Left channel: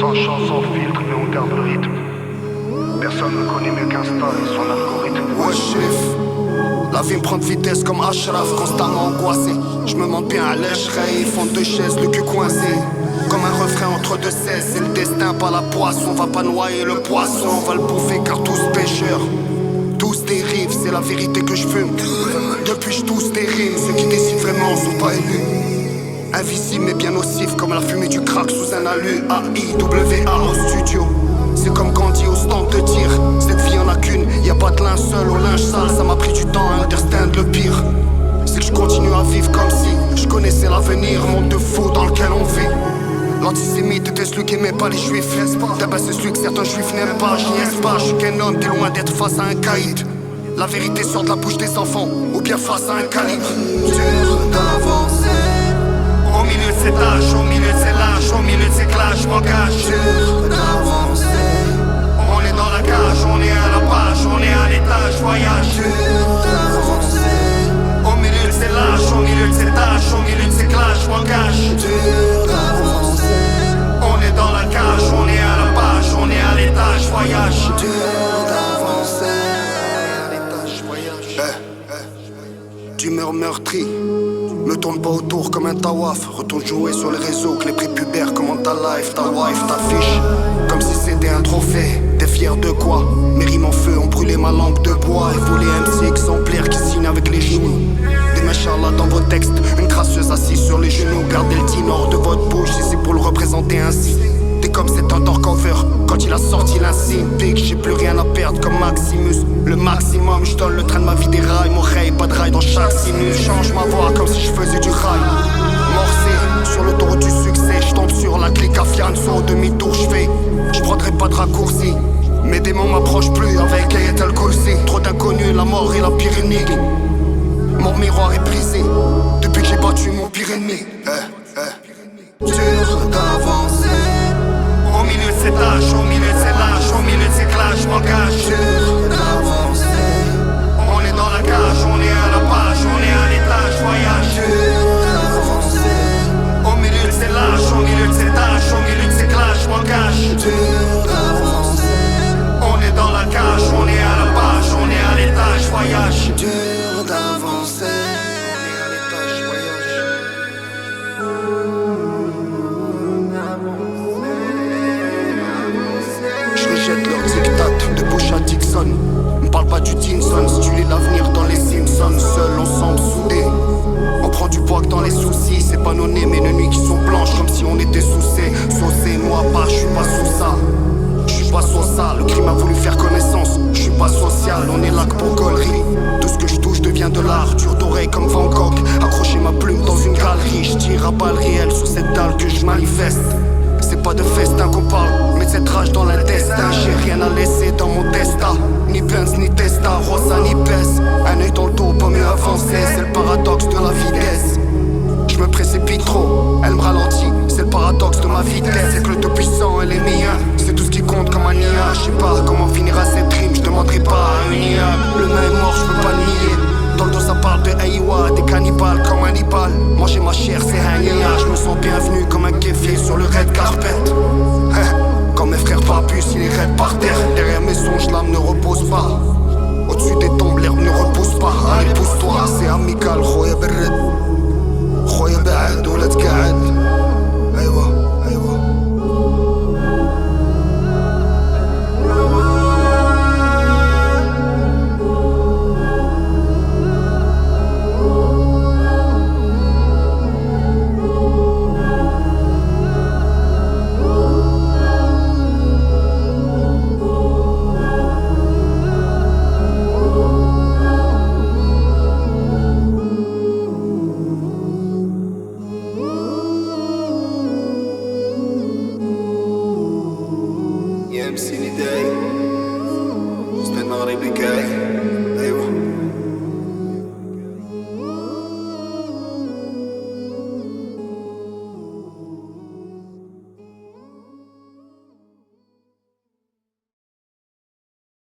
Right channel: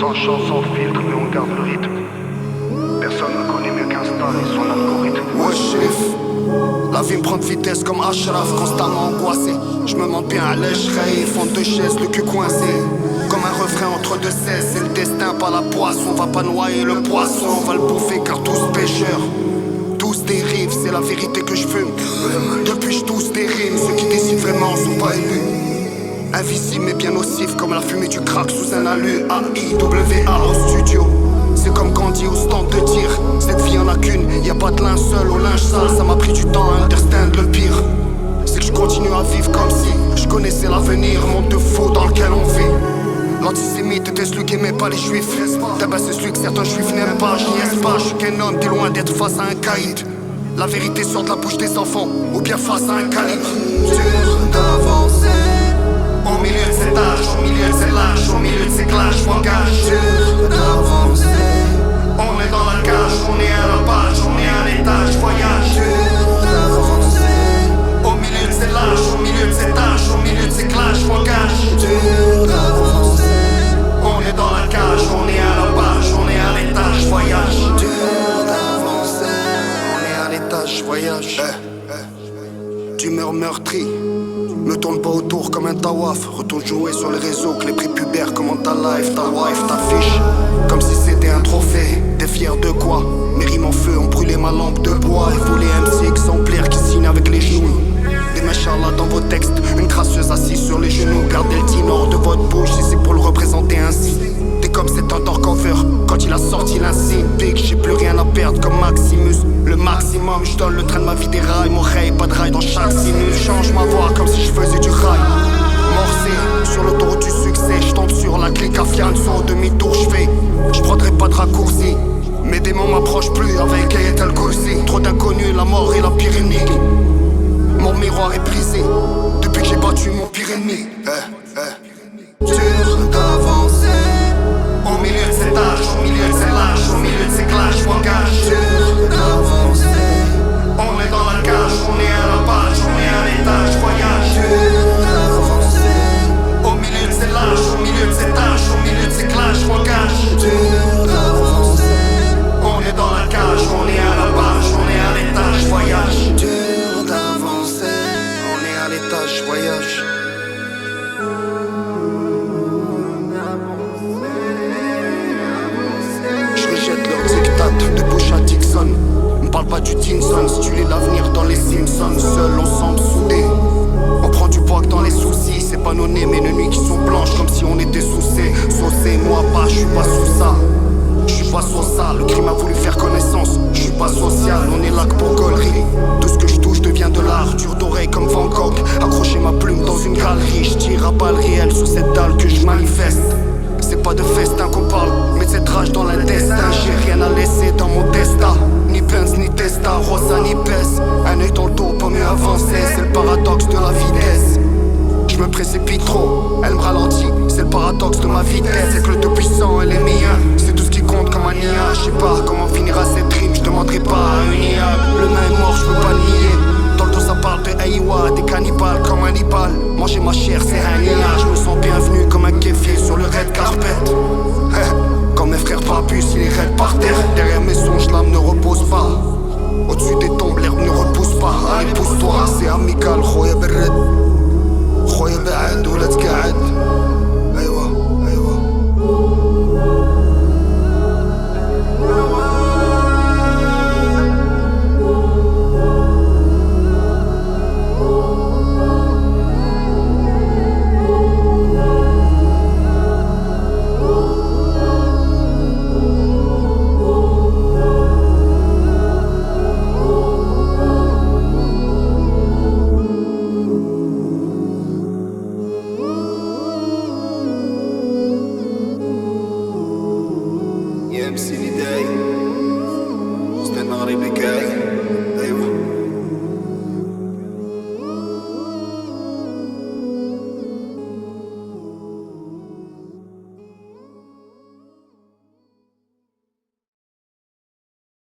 Sans chance, sans filtre, mais on garde le rythme. Personne ne connaît mieux qu'Insta et son algorithme. Ouais, shérif, la vie me prend de vitesse comme Ashraf, constamment angoissé. Je me monte bien à l'échereille, fond de chaise, le cul coincé. Comme un refrain entre deux cesses, c'est le destin, pas la poisson. On va pas noyer le poisson, on va le bouffer car tous pêcheurs. Tous dérivent, c'est la vérité que je fume. Depuis je tousse des rimes, ceux qui décident vraiment sont pas élus. Invisible mais bien nocif comme la fumée du crack sous un alu. AIWA au studio. C'est comme Gandhi au stand de tir. Cette vie en a qu'une, y a pas de linceul au linge sale. Ça m'a pris du temps à understand le pire. C'est que je continue à vivre comme si je connaissais l'avenir. Monde de fou dans lequel on vit. L'antisémite était celui qui aimait pas les juifs. D'abord c'est celui que certains juifs n'aiment pas. Je niaise pas, je suis qu'un homme, t'es loin d'être face à un caïd. La vérité sort de la bouche des enfants, ou bien face à un calibre. Dur d'avancer Au milieu de cet âge, au milieu de ces lâches, au milieu de ces clashs, m'engage. Dur d'avancer On est dans la cage, on est à la page, on est à l'étage, voyage. Dur d'avancer Au milieu de ces lâches, au milieu de ces tâches, au milieu de ces clashs, m'engage. Dur d'avancer On est dans la cage, on est à la page, on est à l'étage, voyage. Dur d'avancer On est à l'étage, voyage. D'humeur meurtrie. Me tourne pas autour comme un tawaf. Retourne jouer sur les réseaux, que les prépubères commentent ta life, ta wife, ta fiche. Comme si c'était un trophée. T'es fier de quoi? Mes rimes en feu ont brûlé ma lampe de bois. Et volé MC exemplaire qui signe avec les genoux. Des machallah dans vos textes, une gracieuse assise sur les genoux. Gardez le tin hors de votre bouche si c'est pour le représenter ainsi. T'es comme cet undercover, quand il a sorti l'insigne. Big, j'ai plus rien à perdre comme Maximus. Le maximum, je donne le train de ma vie des rails. Mon rail, pas de rail dans chaque sinus. Change ma voix comme si je faisais du rail. Morcé, sur l'autoroute du succès. Je tombe sur la clique à Fianso. Au demi-tour, je fais. Je prendrai pas de raccourci. Mes démons m'approchent plus avec Ayatel Kursi. Trop d'inconnus, la mort est la pire énigme. Mon miroir est brisé depuis que j'ai battu mon pire ennemi. Dur d'avancer Au milieu de cet âge, au milieu de ces lâches, au milieu de ces clashs, m'engage. Dur d'avancer On est dans la cage, on est à la page, on est à l'étage, voyage. Dur d'avancer Au milieu de ces lâches, au milieu de ces tâches, au milieu de ces clashs, m'engage. Dur d'avancer On est dans la cage, on est à la page, on est à l'étage, voyage. Dur d'avancer On est à l'étage, voyage. Je rejette leurs dictats de Bush à Dixon. Me parle pas du Tinson, si tu lis l'avenir dans les Simpsons. Seuls ensemble soudés. On prend du poids que dans les soucis. C'est pas nos nez mais nos nuits qui sont blanches comme si on était saucés. Saucés, moi pas, je suis pas sous ça. Je suis pas sur ça, le crime a voulu faire connaissance. Je suis pas social, on est là que pour gaulerie. Tout ce que je touche devient de l'art, dur d'oreille comme Van Gogh. Accrocher ma plume dans une galerie, je tire à balles réelles sur cette dalle que je manifeste. C'est pas de festin qu'on parle, mais de cette rage dans l'intestin. J'ai rien à laisser dans mon testa. Ni Benz, ni Testa, Rosa, ni Pes. Un œil dans le dos, pas mieux avancer. C'est le paradoxe de la vitesse. Je me précipite trop, elle me ralentit. C'est le paradoxe de ma vitesse. C'est que le tout-puissant, elle est mien. C'est tout ce qui compte comme un IA. Je sais pas comment finira cette rime, je demanderai pas à une IA. Le nain est mort, je peux pas le nier. Dans le dos ça parle de Aïwa, des cannibales comme Hannibal. Manger ma chair c'est un IA. Je me sens bienvenu comme un kéfier sur le red carpet. Quand mes frères papus, il est raide par terre. Derrière mes songes l'âme ne repose pas. Au-dessus des tombes l'herbe ne repousse pas. Allez pousse-toi, c'est amical. خويا بالرد خويا بعد ولا تقعد. ايوه يا MC نداي وسط المغرب كاي